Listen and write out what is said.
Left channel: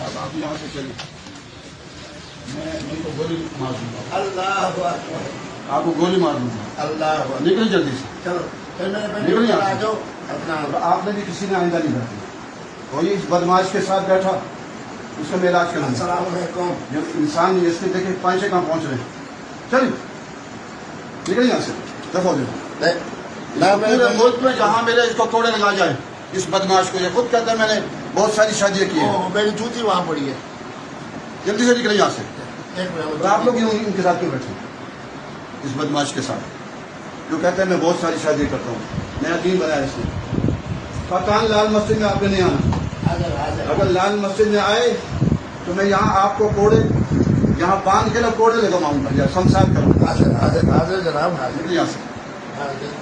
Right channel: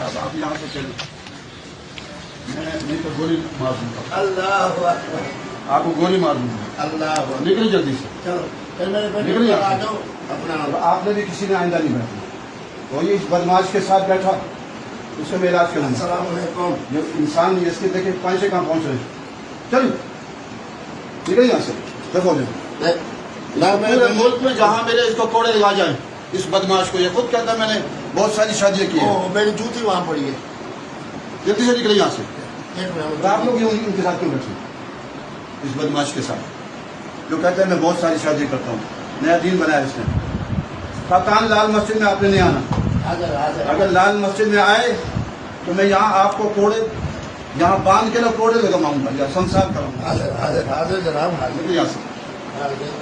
साहब आप यहाँ से चले, मैं नहीं तो गोली मार दूंगा। अल्लाह अकबर, आपको गोली मार दूंगा। अल्लाह अकबर। निकल जल्दी से। चलो फिर मेरे बेटे निकल को यहाँ आ से। जाओ अपना। आपने भी किसी ने आइंदा नहीं बैठना। कोई इस बदमाश के साथ बैठा उससे मैं इलाज करूंगा। अस्सलाम वालेकुम। जब इंसान इसके देखे पैसे कहाँ पहुंच रहे, चल निकल यहाँ से। दफा हो जाए। पूरे मुल्क में जहाँ मेरे इसको कोड़े लगा जाए इस बदमाश को। ये खुद कहता है मैंने बहुत सारी शादियां की है। मेरी जूती वहाँ पड़ी है। जल्दी से निकले यहाँ से। एक और आप लोग यूं इनके साथ क्यों बैठे, इस बदमाश के साथ जो कहता है मैं बहुत सारी शादी करता हूँ, नया दीन बनाया इसने। कप्तान लाल मस्जिद में आपने नहीं आना। हाजिर हाजिर। अगर लाल मस्जिद में आए तो मैं यहाँ आपको कोड़े यहाँ बांध के ना कोड़े लगाऊंगा या संसार करूंगा। हाजिर हाजिर हाजिर जनाब हाजिर। निकल यहाँ से। हाजिर।